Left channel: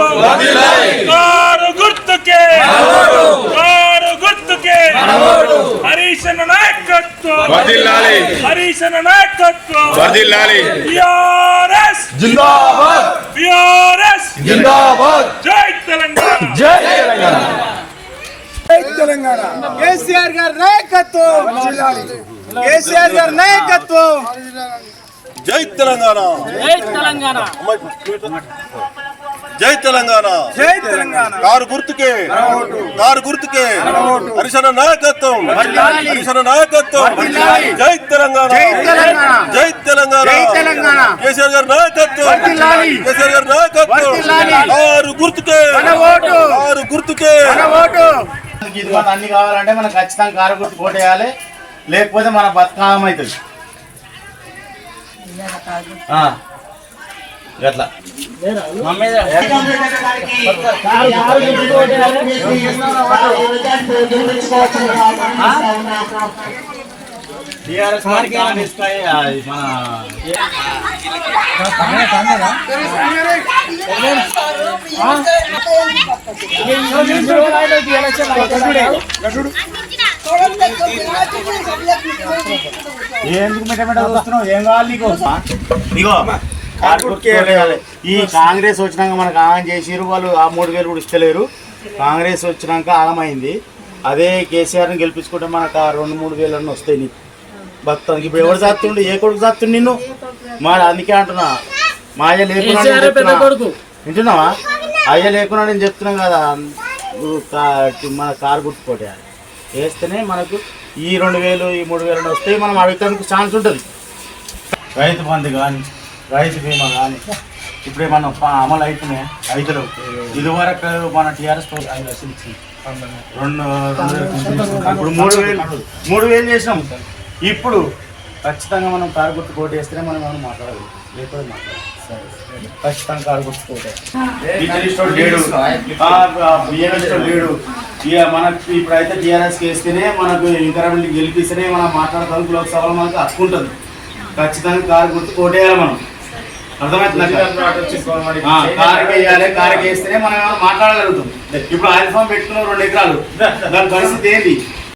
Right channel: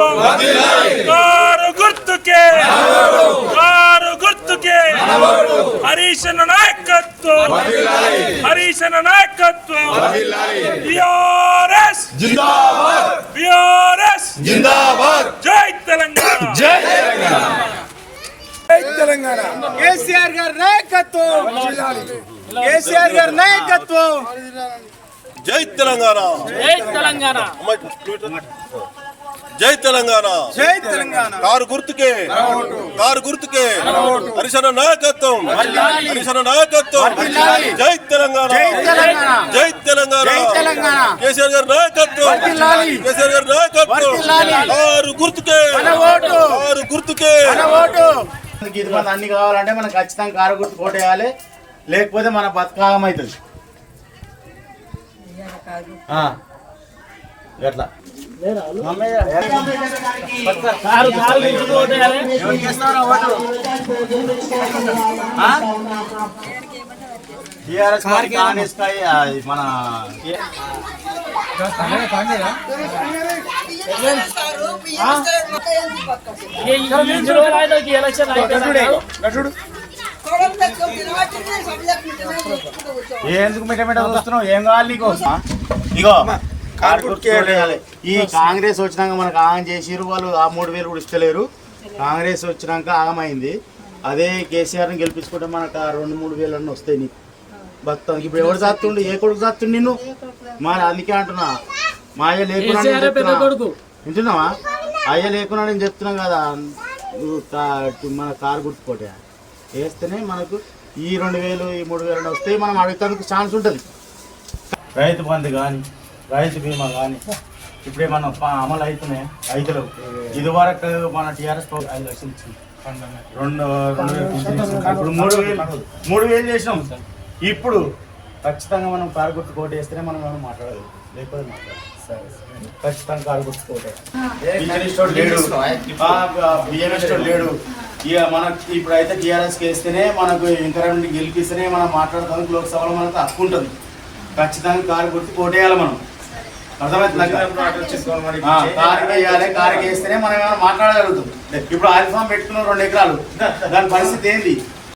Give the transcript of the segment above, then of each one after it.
ప్రభుత్వం. కారు గుర్తుకే. కారు గుర్తుకే. హరీశన నాయకత్వం. హరీశన నాయకత్వం. బిఆర్ఎస్. జిందాబాద్. బిఆర్ఎస్. జిందాబాద్. జై తెలంగాణ. జై తెలంగాణ. జై తెలంగాణ. కేసీఆర్ గారి నాయకత్వం. కేసీఆర్ గారి నాయకత్వం. జై తెలంగాణ. జై తెలంగాణ. జై తెలంగాణ. జై తెలంగాణ. కారు గుర్తుకే. కారు గుర్తుకే. హరిశన నాయకత్వం. హరిశన నాయకత్వం. జై తెలంగాణ. జై తెలంగాణ. జై తెలంగాణ. జై తెలంగాణ. కేసీఆర్ గారి నాయకత్వం. కేసీఆర్ గారి నాయకత్వం. కారు గుర్తుకే. మన ఓటు. కారు గుర్తుకే. మన ఓటు మనకి ఇది మన అన్ని కావాలంటే మనం ఖచ్చితంగా కారు గుర్తు కొట్టేయాలి లేకపోతే మన బతుకామం అవుతుంది ఆ, గట్లా. టీఆర్ఎస్ మన ఎందుకు మెట్టమెట చూస్తున్నావు? ఏం కావాలి నీకు? కొట్టేయాలి. ఈ కాంగ్రెస్ వచ్చినాక మనకు ఆగం చేసిరు వాళ్ళు ఆ మూడు వేలు కూడా ఇస్తలేరు. కాంగ్రెస్ వచ్చినాక ఆగమైంది. అదే కేసీఆర్ని గెలిపించుకుంటే మనకు ఆ రెండు మూడు వేలు అన్నీ వస్తాయి నీకు. భక్తానికి ఇప్పుడు ఎవరు చేస్తుండు ఏ కొడుకు చేస్తుండు నిన్ను? మరి అందుకే అంటున్నా. మా అయ్య లేకున్నాడు నేను చెప్తున్నా. వింటున్నావా? అయ్య లేకున్నాడు నేను చెప్తున్నాం కదా. మన కారు గుర్తు కొట్టేయాలి వేస్తేనే మనకు ఈ రెండు వేలు ఈ మూడు వేలు వస్తే మనం అడగడానికి ఛాన్స్ ఉంటుంది. రైతు బంధు కానీ రైతు బీమా కానీ ఇప్పుడు ప- అమలు అవుతున్నాయి రైతులు. ఇదివరకు మన టీఆర్ఎస్ ఐదు లక్షలు ఇచ్చింది. రెండు రెండు. ఇప్పుడు మూడు వేలు మూడు వేలు చేసినాం. ఇప్పుడు ఖచ్చితంగా మనం కారు గుర్తు కోట్ వేస్తేనే మనం ఏమైనా మాట్లాడదు లేకపోతే మాట్లాడదు ఖచ్చితంగా కారు గుర్తు కోటే. లేడు. లేడు. ఇక మనకి ఇప్పుడైతే టీఆర్ఎస్ వేస్తేనే మనకు ఇంకరెంట్ గెలిపిస్తేనే మనం మాట్లాడతాం. లోక్సభలో మనకు హక్కు ఉంటుంది. ఖచ్చితంగా కారు గుర్తు కోటేయాలి మనం. కారుకి వేయాలి కారుకి వేస్తేనే మనం ఏమైనా మాట్లాడగలుగుతాం. ఇప్పుడు ఆయిల్ ఫామ్ పెట్టుకున్నాం రెండు ఎకరాలు. దాని పరిస్థితి ఏంటి?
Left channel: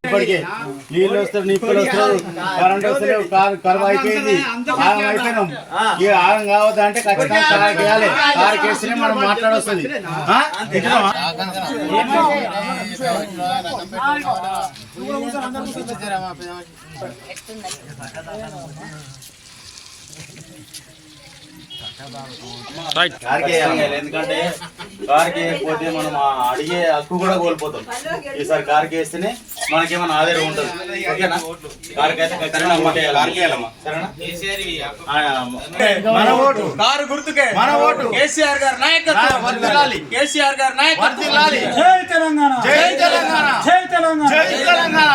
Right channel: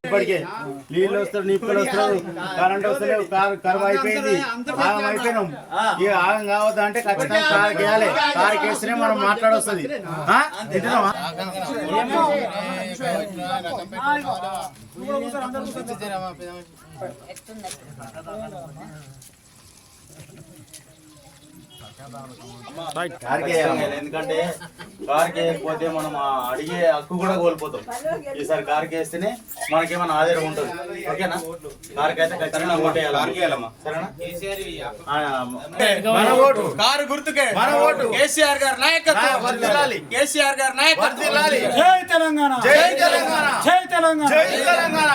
ఇప్పటికే నీళ్ళు వస్తారు వస్తారు కరెంట్ వస్తలేవు కారు కరువు అయిపోయింది ఆగం అయిపోయినాం. ఆగం కావద్దు అంటే ఖచ్చితంగా కారుకి వేయాలి. కారుకి వేస్తేనే మనం మాట్లాడొస్తుంది? ఎందుకంటే కారుకి వేయకపోతే మనం ఆ అడిగే హక్కు కూడా కోల్పోతాం. ఈసారి కారుకి వేస్తేనే మనకేమైనా ఆధారం ఉంటుంది. ఓకేనా? కారుకి అయితే ఖచ్చితంగా అమ్మకే కారుకి వేయాలమ్మా. సరేనా? ఆ, మన ఓటు. కారు గుర్తుకే. మన ఓటు. కేసీఆర్ గారి నాయకత్వం. వర్ధిల్లాలి. కేసీఆర్ గారి నాయకత్వం. వర్ధిల్లాలి. జై తెలంగాణ. జై తెలంగాణ. జై తెలంగాణ. జై తెలంగాణ?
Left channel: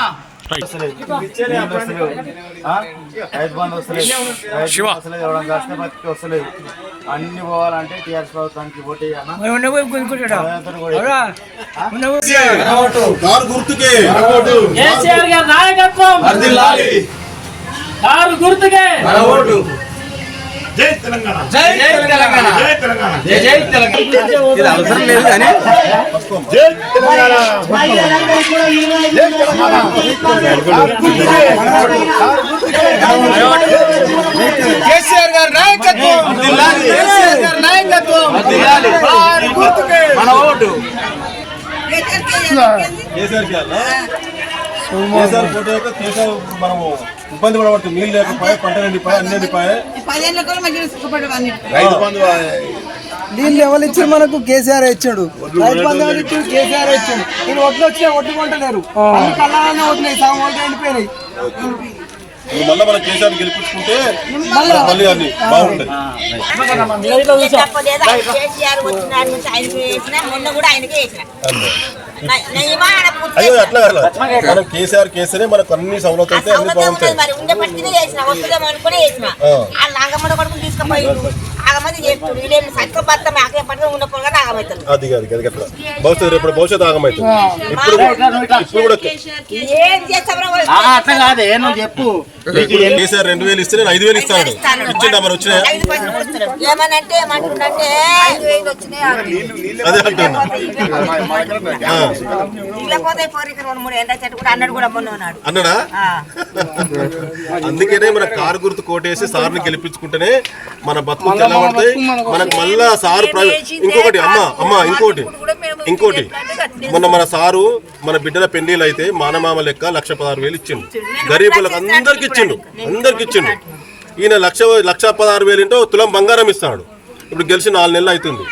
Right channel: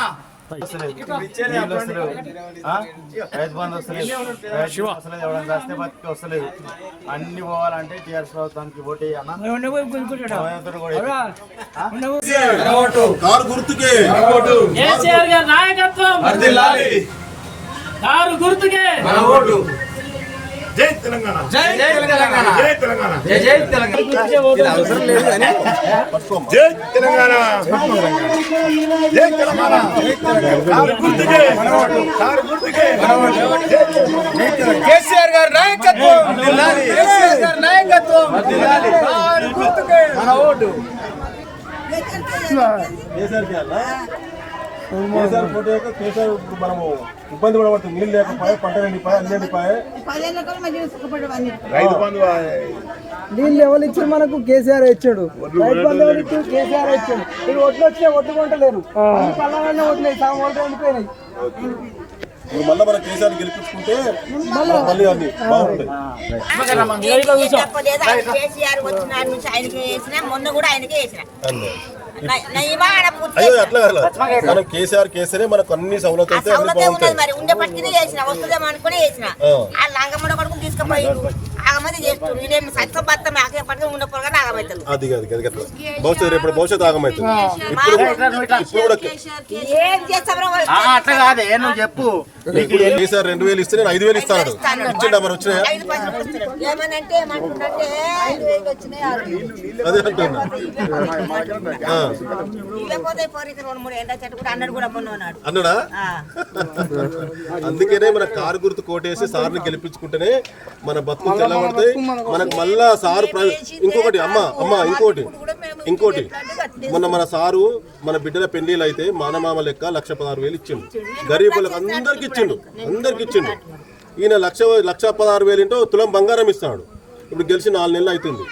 రైతు బంధు వస్తలేదు రైతు వస్తలేదు ఎవడం కష్ట బతికి వస్తలేదు. అన్ని పోవాలంటే టీఆర్ఎస్ ప్రభుత్వానికి గారి నాయకత్వం. కారు గుర్తుకే. జై తెలంగాణ. జై తెలంగాణ. జై తెలంగాణ కేసీఆర్ గారి నాయకత్వం కేసీఆర్ గారి నాయకత్వం. గుర్తుకే మన ఓటు. కేసీఆర్ గారు. కేసీఆర్ యొక్క మనము ఇబ్బంది పడబట్టి నీళ్ళు లేకపోయా పంట ఎండిపోయా అన్ని ఎండిపోయా రైతు బంధు దీన్ని ఎవరు ఇచ్చారు మనకు? కేసీఆర్ ఇచ్చాడు. రైతు బంధు ఎవరు ఇచ్చారు? కేసీఆర్ ఇచ్చాడు. నేను ఒడ్లు వచ్చినా ఒడ్డు కొంటలేరు. అన్ని కళ్ళాలనే ఒడ్డున్నాయి సగం ఒడ్డు ఎండిపోయినాయి. నువ్వు మళ్ళీ మనం కేసీఆర్ గెలిపించుకుంటే మళ్ళీ. అన్ని బాగుంటాయి. చెప్పలేదు ఆయన కేసీఆర్ వచ్చిన ఆయన నుంచి ఆయనకి వేసిన మొన్న కూడా ఆయనకే అయ్యో. అట్లా. మనం కేసీఆర్ కేసీనే మనకు అన్ని ఆ అయితే అన్ని సౌలభ్యం బాగుంటాయి మరి ఉండే పట్టినే చేసిన వస్తుందేమో అనుకునే చేసిన ఆ. ఆ లంగమ్మడ కొడుకు తీసుకుపోయి ఆగమైతే చేస్తుడు వీళ్ళేమి సత్యం బత్తం ఆకే పట్టుకుని ఉన్న పొలగా ఆగమవుతారు అది కాదు అది అట్లా భవిష్యత్తు రేపు భవిష్యత్తు ఆగమవుతుంది ఇప్పుడు ఇప్పుడు కూడా ఏం చేస్తామో ఆ, అట్లా కాదే నువ్వు చెప్పు. కేసీఆర్ రెండు వేలు ఇస్తే నేను ఐదు వేలు ఇస్తాను. ఇచ్చిండా మరి వచ్చినాయి. ఏమనంటే. అదే అంటున్నా. ఆ, లేకపోతే పోరికి రెండు మూడు ఎండ చెట్టు కూడా అన్నాడు కూడా మొన్న ఉన్నాడు. అన్నాడా? ఆ. అందుకనే మన కారు గుర్తు కోటేసి సార్ని గెలిపించుకుంటేనే మన బతుకు తెల్లబడతాయి మనకు మళ్ళా సారు ఇంకొకటి అమ్మ అమ్మ ఇంకోటి ఇంకోటి మొన్న మన సారు మన బిడ్డల పెళ్ళిళ్ళు అయితే మానమామ లెక్క లక్ష పదహారు వేలు ఇచ్చిండు. గరీబులకు అందరికి ఇచ్చిండు. అందరికి ఇచ్చిండు. ఈయన లక్ష లక్ష పదహారు వేలు ఏంటో తులం బంగారం ఇస్తాడు. ఇప్పుడు గెలిచి నాలుగు నెలలు అవుతుంది.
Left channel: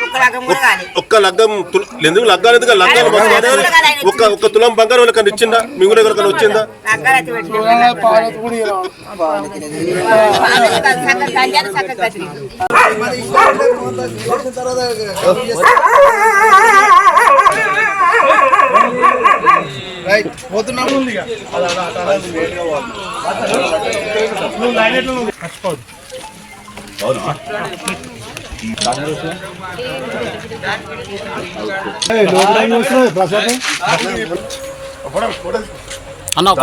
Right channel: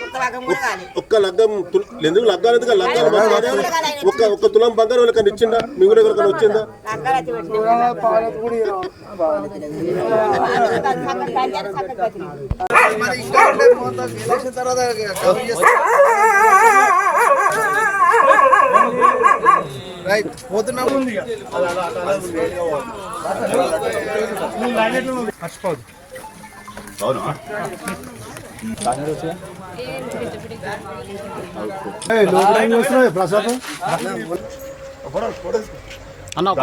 ఒక్క లగ్గం ఎందుకు లగ్గాలు ఎందుకు లగ్గాలు ఒక్క ఒక్క తులం బంగారం వాళ్ళకి ఇచ్చిందా మీ ఊళ్ళో ఎవరికైనా వచ్చిందా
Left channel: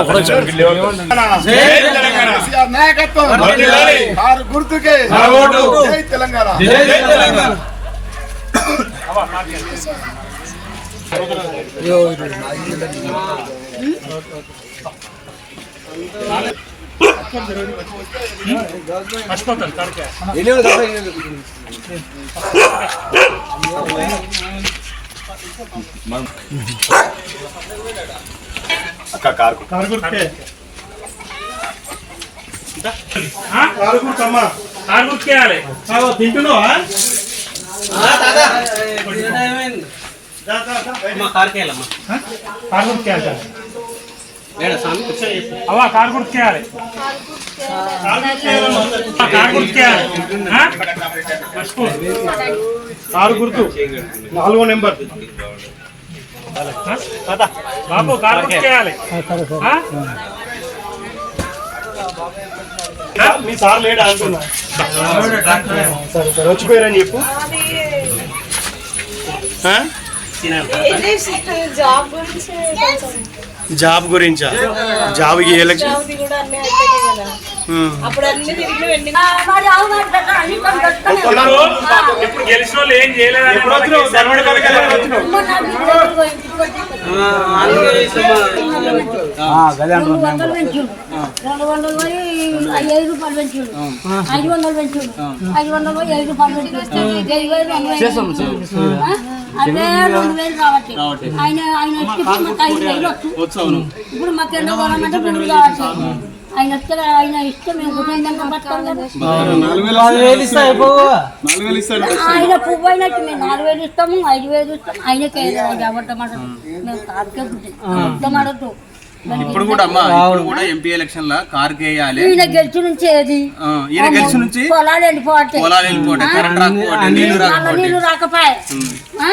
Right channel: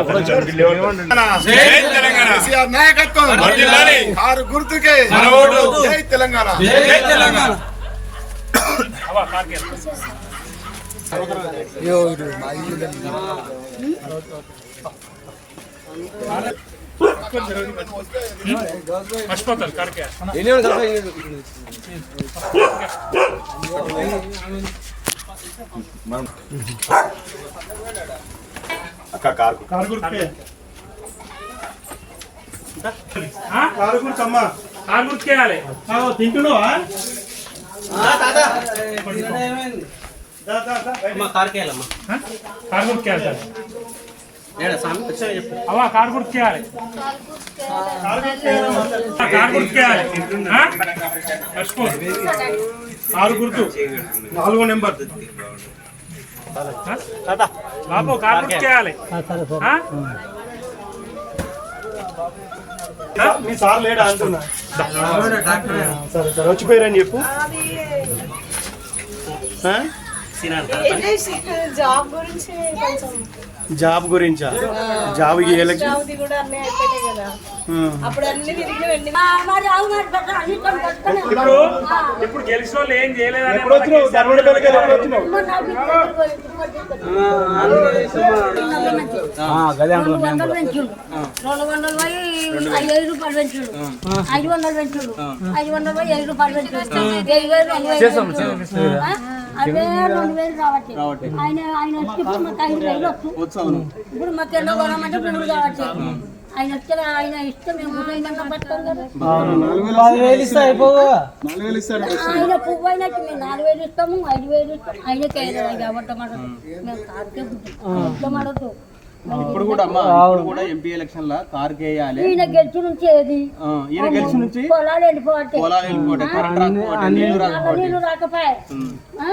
అక్కడైతే పెట్టిన పాలకి కాదు, సగం గంజాలు, సగం గదిరి. కేసీఆర్ నాయకత్వం కారు. గుర్తుకే జై తెలంగాణ కారు గుర్తుకేయాలి తింటున్నావా? కారు గుర్తుకేయాలి అవ్వ కారు గుర్తుకేయాలి. కారు గుర్తుకేయాలి. కారు గుర్తు. నాలుగో నెంబర్? బాబు కారు గుర్తుకేయాలి. మీ సార్ లేడా అంటున్నా. వచ్చిపోయారని చెప్పు? జాబ్ గురించి జాబ్ గురించా? జాబ్ అప్పుడు అన్ని తిరిగి ఇప్పుడు గెలిచిన వాళ్ళు ఏం చేయలేదు రెండు వందలు పోయి ఐదు రూపాయలు పెంచుడు. ఐదు వందలు పెంచుడు. ఐదు వందలు పోయి ఐదు రూపాయలు పెంచుడు. వెయ్యి వేలు రెండు వేలు ఆ? అదే రెండు వేలు కాబట్టి. ఆయన ఆయన వచ్చి మాకు ఐదు వేలు వచ్చు. ఇప్పుడు మాకు ఎంత కొనమంటే కావచ్చు ఆయన ఆయన ఇష్టం మేము గుర్రైందంత ఆయన పువ్వు అయినట్టు మేము నాలుగు వేలు ఇస్తాము ఐదు వేలు ఇస్తాము. ఆయనకే మేము ఇప్పుడు కూడా అమ్మా ఇప్పుడు కూడా ఎంపీ ఎలక్షన్ లా కార్ వేయాలి. ఈయన గెలిచి నుంచి ఏది? ఆ, ఈయన గెలిచి నుంచి? పొలాలు వెళ్ళిపోతే పొలాలు వెళ్ళిపోతాయి కరెంట్ నీళ్ళు నీళ్ళు రాకపోయే ఆ?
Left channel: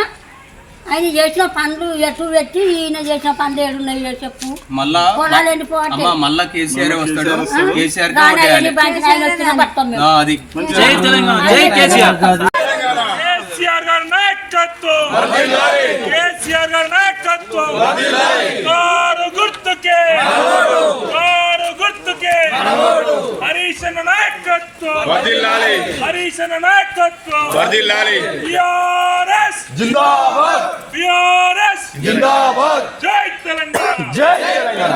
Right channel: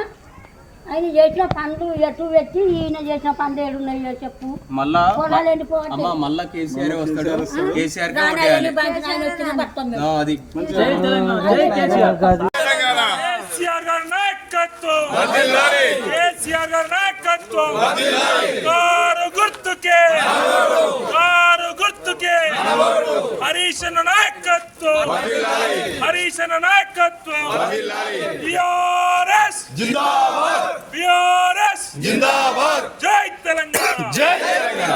ఆయన చేసిన పనులు ఎటు పెట్టి ఈయన చేసిన పనులు ఏడున్నాయి చెప్పు. మళ్ళా అమ్మా కేసీఆర్ వస్తాడు. కేసీఆర్ అది. కేసీఆర్. గారి నాయకత్వం. కేసీఆర్ గారి నాయకత్వం. కారు గుర్తుకే. కారు గుర్తుకే. హరీష్ అన్న నాయకత్వం. వర్ధిల్లాలి హరీష్ అన్న నాయకత్వం. వర్ధిల్లాలి బిఆర్ఎస్ జిందాబాద్. బిఆర్ఎస్ జిందాబాద్. జై తెలంగాణ. జై తెలంగాణ.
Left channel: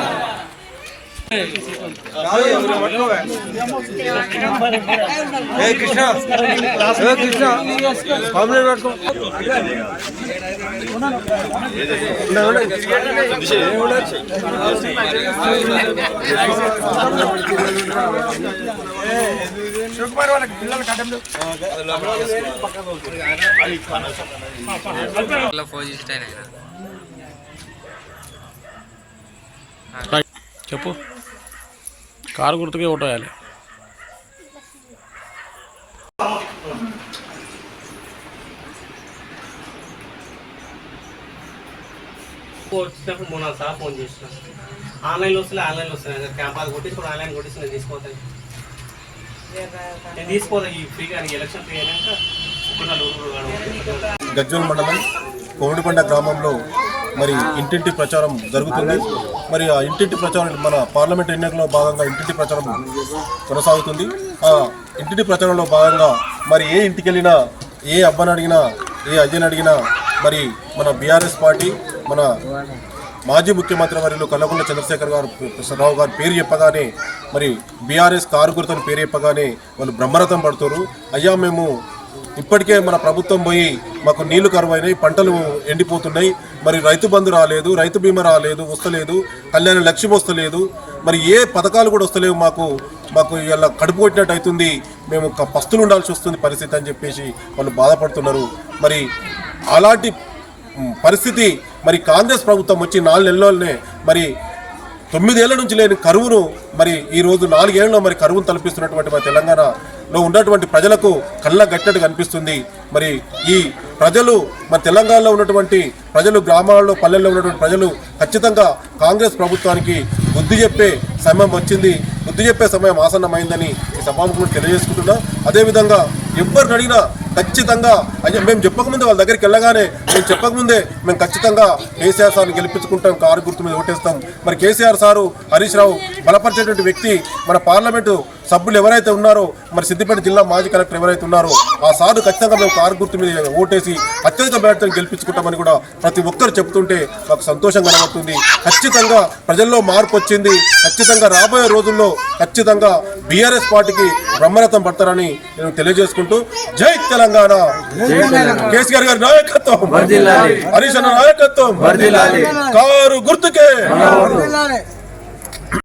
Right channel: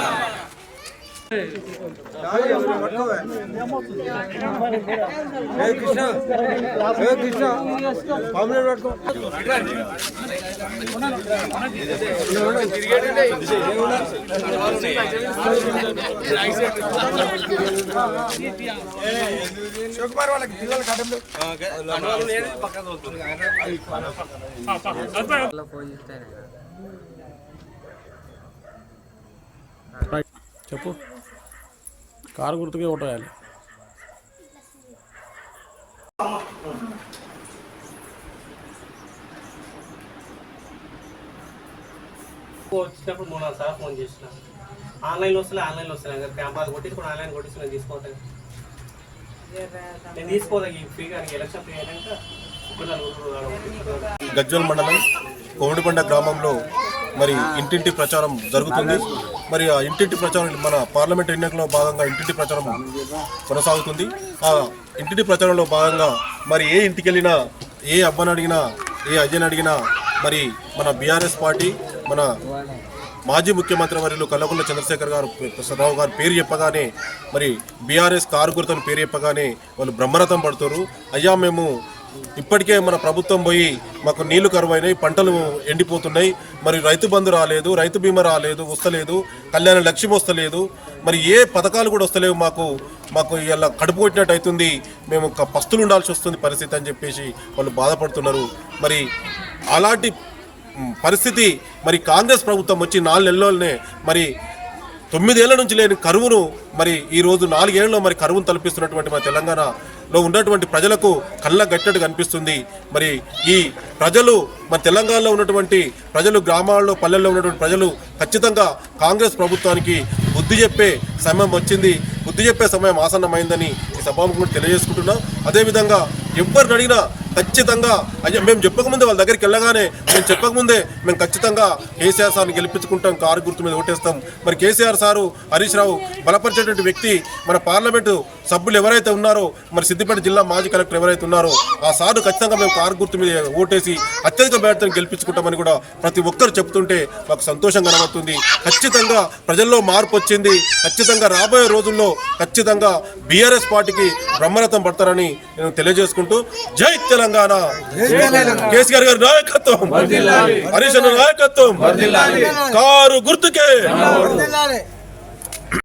చెప్పు కారు గుర్తుకే ఓటేయాలి. వచ్చినప్పుడు మూడు నాలుగు సార్లు ఫోన్ చేసిన. ఆన్లైన్లో వస్తున్నాయి ఆన్లైన్లో వస్తున్నాయి క్యాంపస్ కొట్టించుకుని ఆన్లైన్ నేను ఈ ఫ్రీగా ఎలక్షన్ ఫ్రీ అయినాక. గజ్వల్ మండలం కోమడిపండ గ్రామంలో మరి ఇంటింటి ప్రచారం జరుగుతుంది. మరి ఆ ఇంటింటి ప్రచారం మన పార్లమెంట్ ఎన్నికల్లో భాగంగా ఇంటింటి ప్రచారం కొనసాగుతుంది. ఆ ఇంటింటి ప్రచారంలో భాగంగా మరి ఏ ఇంటికి వెళ్ళినా ఏ అబ్బని అడిగినా ఏ అజ్జని అడిగినా మరి మన బీఆర్ఎస్ పార్టీ మన మాజీ ముఖ్యమంత్రి వర్యులు కల్లకొండ చంద్రశేఖర్ గారు రావు గారి పేరు చెప్పగానే మరి బీఆర్ఎస్ కారు గుర్తని పేరు చెప్పగానే వాళ్ళు బ్రహ్మరథం పడుతున్నారు అయ్యా మేము ఇప్పటికే మన ప్రభుత్వం పోయి మాకు నీళ్ళు కరువైనాయి పంటలు ఎండిపోతున్నాయి. మరి రైతు బంధు రాలేదు రైతు బీమా రాలేదు వస్తలేదు కళ్యాణ లక్ష్యం వస్తలేదు. మరి ఏ పథకాలు కూడా వస్తలేవు మాకు. మాకు ఇలా కడుపు కొట్టినట్టు అవుతుంది. మేము ఒక పస్తులు ఉండాల్సి వస్తుంది పరిస్థితి అని చెప్పేసి వాళ్ళు బాధపడుతున్నారు. మరి అలాంటి పరిస్థితి మరి కాంగ్రెస్ ప్రభుత్వం వచ్చి నాలుగు నెలలోనే మరి తొమ్మిదేళ్ళ నుంచి లేని కరువును మరి ఈ రోజు నాలుగేళ్ళలో మరి కరువును తలపిస్తున్నటువంటి మన తెలంగాణలో ఉన్నటువంటి ప్రజలకు కళ్ళ గట్టినట్టు కనిపిస్తుంది మరి ఈ ప్రజలు మన తెలంగాణలో ఉన్నటువంటి ప్రజలు గ్రామాల్లో పల్లెల్లో ఉన్నటువంటి ప్రజలు ఖచ్చితంగా కాంగ్రెస్ ప్రభుత్వానికి బుద్ధి చెప్పే సమయం వచ్చింది. బుద్ధి చెప్పే సమయం ఆసన్నమైందని ఈ సభాముఖులు తెలియజేసుకుంటున్నా. అదేవిధంగా ఎవరిని అడిగినా ఖచ్చితంగా. అది మేము చెప్పకముందే వాళ్ళ దగ్గరికి వెళ్ళగానే మేము చెప్పకముందే మేము ఖచ్చితంగా కేసీఆర్ సార్ని గెలిపించుకుంటాం కారు గుర్తు మీద ఓటేస్తాం. మరి కేసీఆర్ సారు హరీష్ రావు బలపరిచేటువంటి వ్యక్తి మన పార్లమెంటు సభ్యులు ఎవరైతే ఉన్నారో మరి సిద్దిపేట జిల్లా మాజీ కలెక్టర్ ఎవరైతే ఉన్నారో ఆ సారు ఖచ్చితంగా మేము కారు గుర్తు మీద ఓటేసి అత్యధిక మేరతో గెలిపించుకుంటామని కూడా ప్రతి ఒక్కరు చెప్తుంటే మాకు సంతోషం కనబడుతుంది ఖచ్చితంగా ప్రజల్లో మార్పు వచ్చింది. ఖచ్చితంగా రాబోయే రోజుల్లో ఖచ్చితంగా బీఆర్ఎస్ పార్టీకి బ్రహ్మరథం పడతారని నేను తెలియజేసుకుంటూ జై తెలంగాణ. కేసీఆర్ గారి నాయకత్వం. హరీష్ నాయకత్వం. కారు గుర్తుకే.